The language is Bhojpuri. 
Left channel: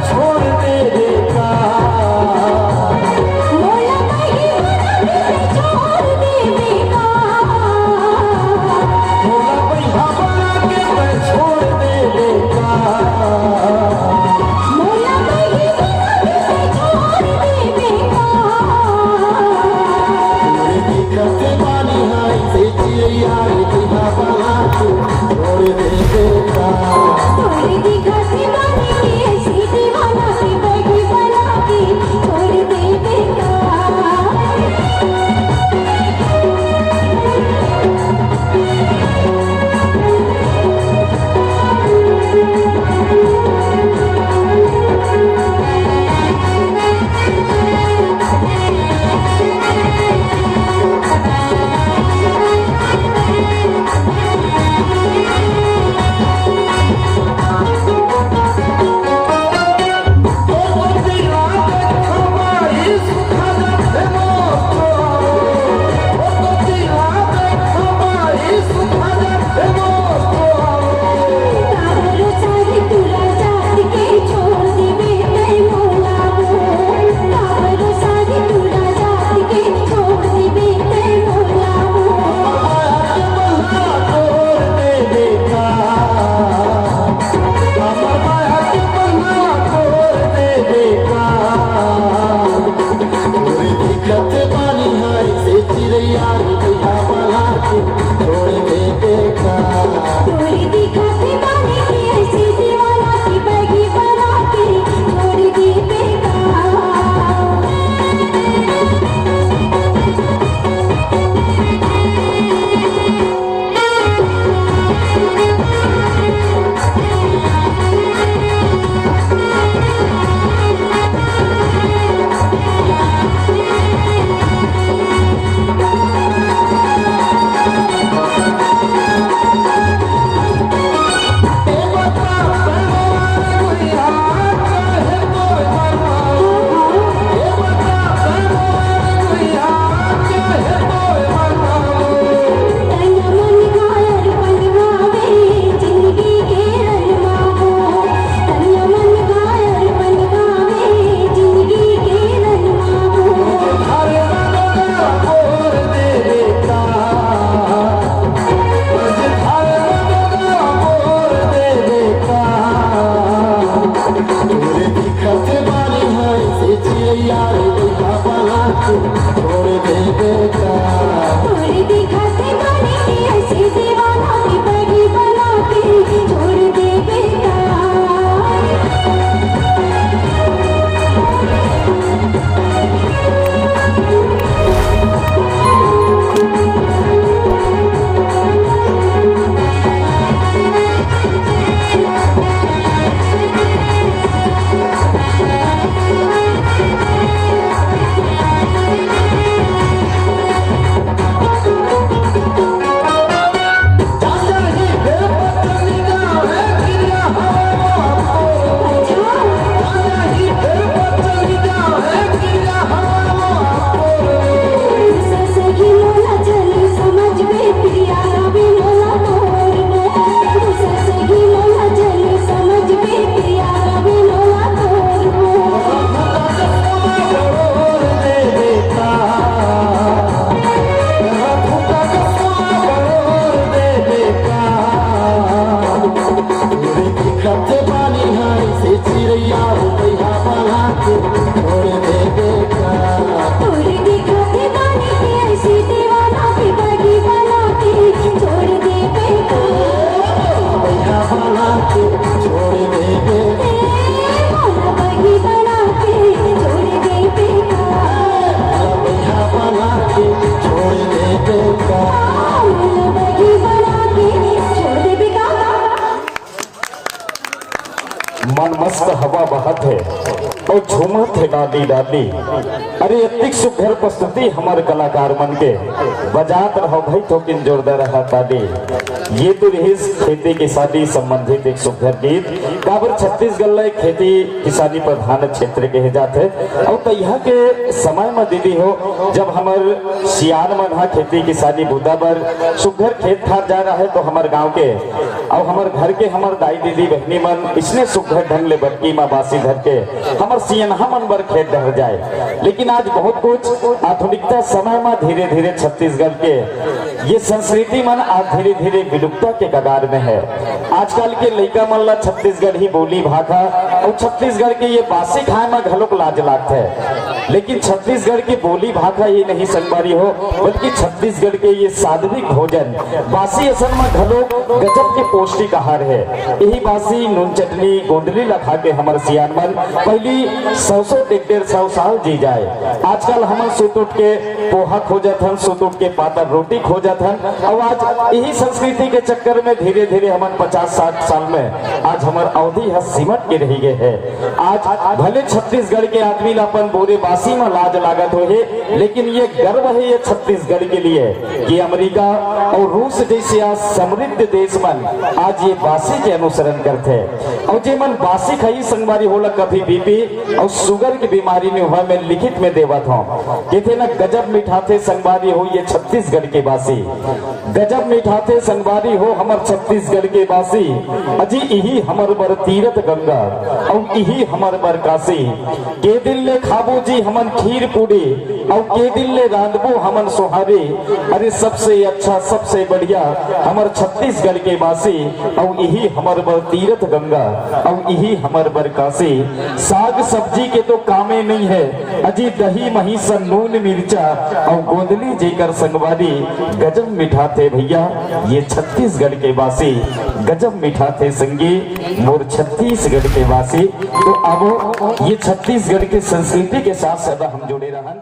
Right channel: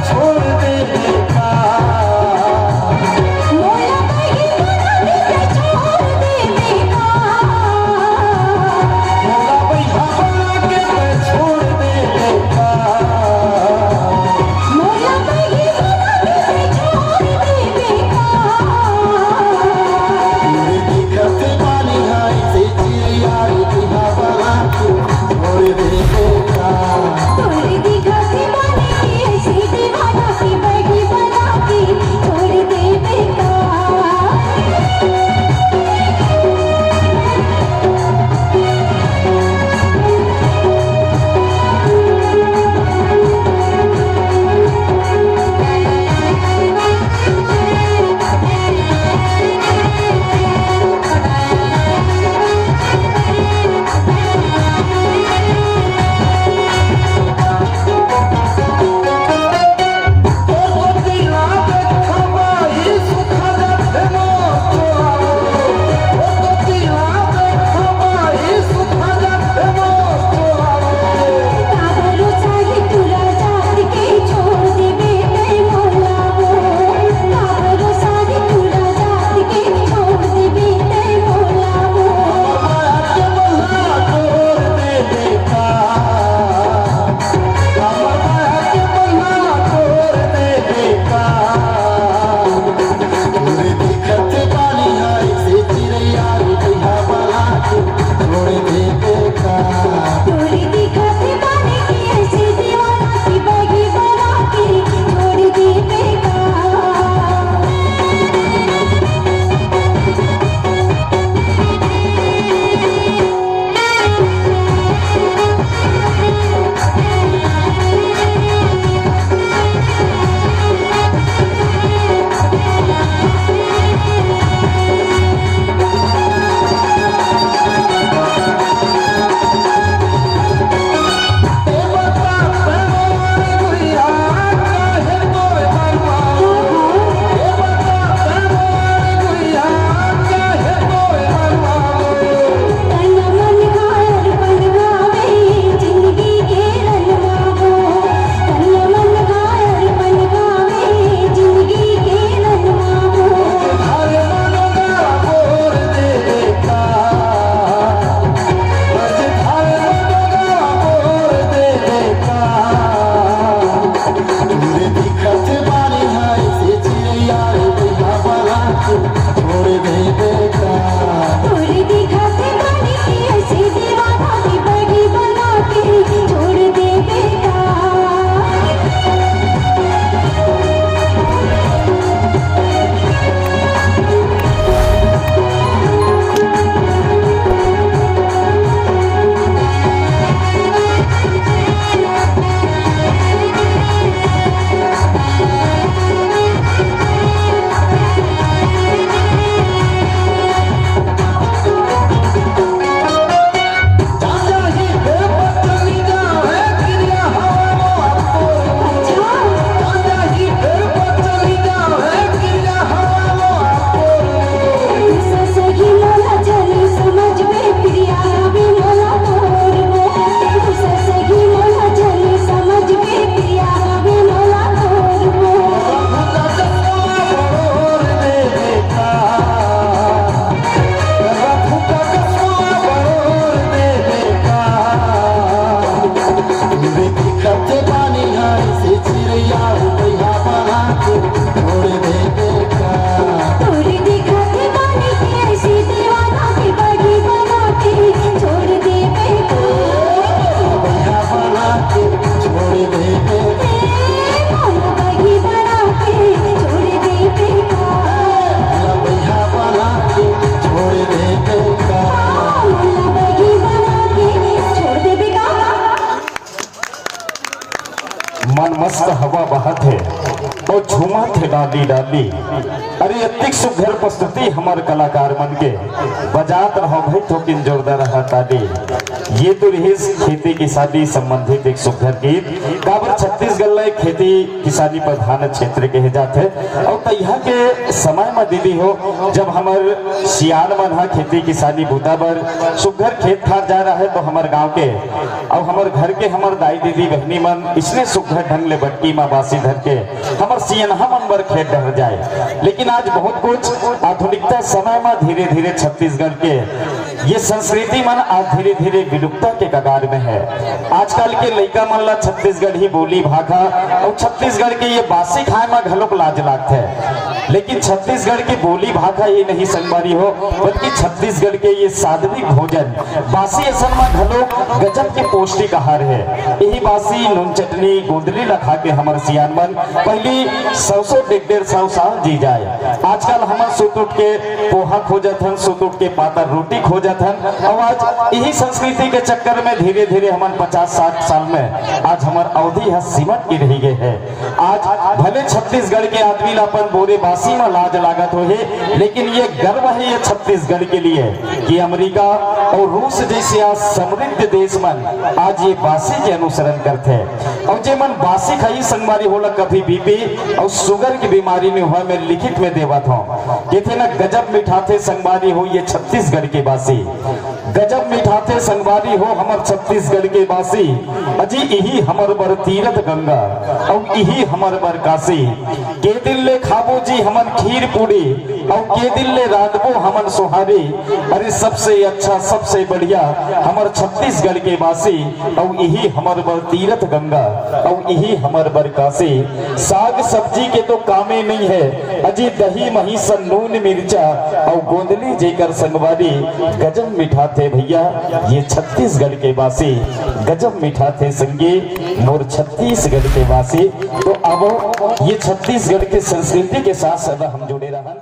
छोड़ देगा। मन मस्त हवा बहत है तो झूमा थे डाली डाली। अरे अतिक सुघर प्रस्तुति हमारे कलाकार मन के बजात रहो भाई तो किन जोरदार रहा ताली। ये तो रही खेती किसानी संबंधित एक सुघर गीत। काबर छत्तीसगढ़ में खेती किसानी प्रधान क्षेत्र के जाते और तैयार के समय में दीदी हो जब हमार सियान मन हा खेती किसानी बुदा बर सुघर खेत खार जा रहा है तो हमारे गांव के और हमारे घर के हमारे दाई दीदी बहनी मन इसलिए सुघर ढंग ले बट्टी माँ बासी धर के हमारे सियनहा मन बर खेत डर जाए। लेकिन आज बहुत कुछ आधुनिकता समय में धीरे धीरे छत्तीसगढ़ के ये संस्कृति मन आज धीरे धीरे विलुप्तता के कगार में है। आजकल के लड़का मन ला छत्तीसगढ़ ही बोली भाषा और छत्तीसगढ़ के ये बासी खाए में घलोक लाज लागत है। लेकिन छत्तीसगढ़ की बोली भाषा ये नहीं संगवारी हो बल्कि छत्तीसगढ़ के ये सात्विक भोजन बासी असल में घलोक गजब के पौष्टिक आहार है। यही बासी नून चटनी गोंदली लखा के हमारे सियान मन पहली 100-150 साल जी जाए। आजकल हम सुत उठ के पोहा खोजत हन, सुत उठ के पाता रोटी खोजत हन और आज यही संस्कृति के चक्कर में धीरे धीरे हम 50-60 साल में आज हमार अवधि है सिमट के रही गए है। आज भले छत्तीसगढ़ के आदमी अपन बोरे बासी में लाज लागत हो है, लेकिन ये गर्व है ये छत्तीसगढ़ के लिए कि अमेरिका और रूस जैसे आज समृद्ध देश मन आज ये बासी के अनुसरण करते हैं। और जे मन बासी खाई संगवारी होला कभी बीपी और शुगर की बीमारी में हुआ मैं लिखित में देवत हूँ कहते ना गजब मिठाते संगवारी हो ये छत्तीसगढ़ के बासी, गजब मिठाते संगवारी हो हमार छत्तीसगढ़ के बासी। अजी यही हमार बर तीरथ गंगा और यही हमार बर काशी। के दिल ले खाबो जी हमन खीर पूड़ी और के दिल ले रांधबो हमन सोहारी। अरे सबसे अच्छा सबसे बढ़िया हमार छत्तीसगढ़ के बासी और यही हमार बर तीरथ गंगा और यही हमार बर काशी। साग सब्जी के तो कामे नहीं है अजी दही मही सन नून मिर्चा और गोंदली जेकर संगवारी गजब मिठाते भैया ये छत्तीसगढ़ के वासी, गजब मिठाते संगी मोर छत्तीसगढ़ के वासी। तो अब ये छत्तीसगढ़ के संस्कृति के साथ सदा हम जुड़े रहन।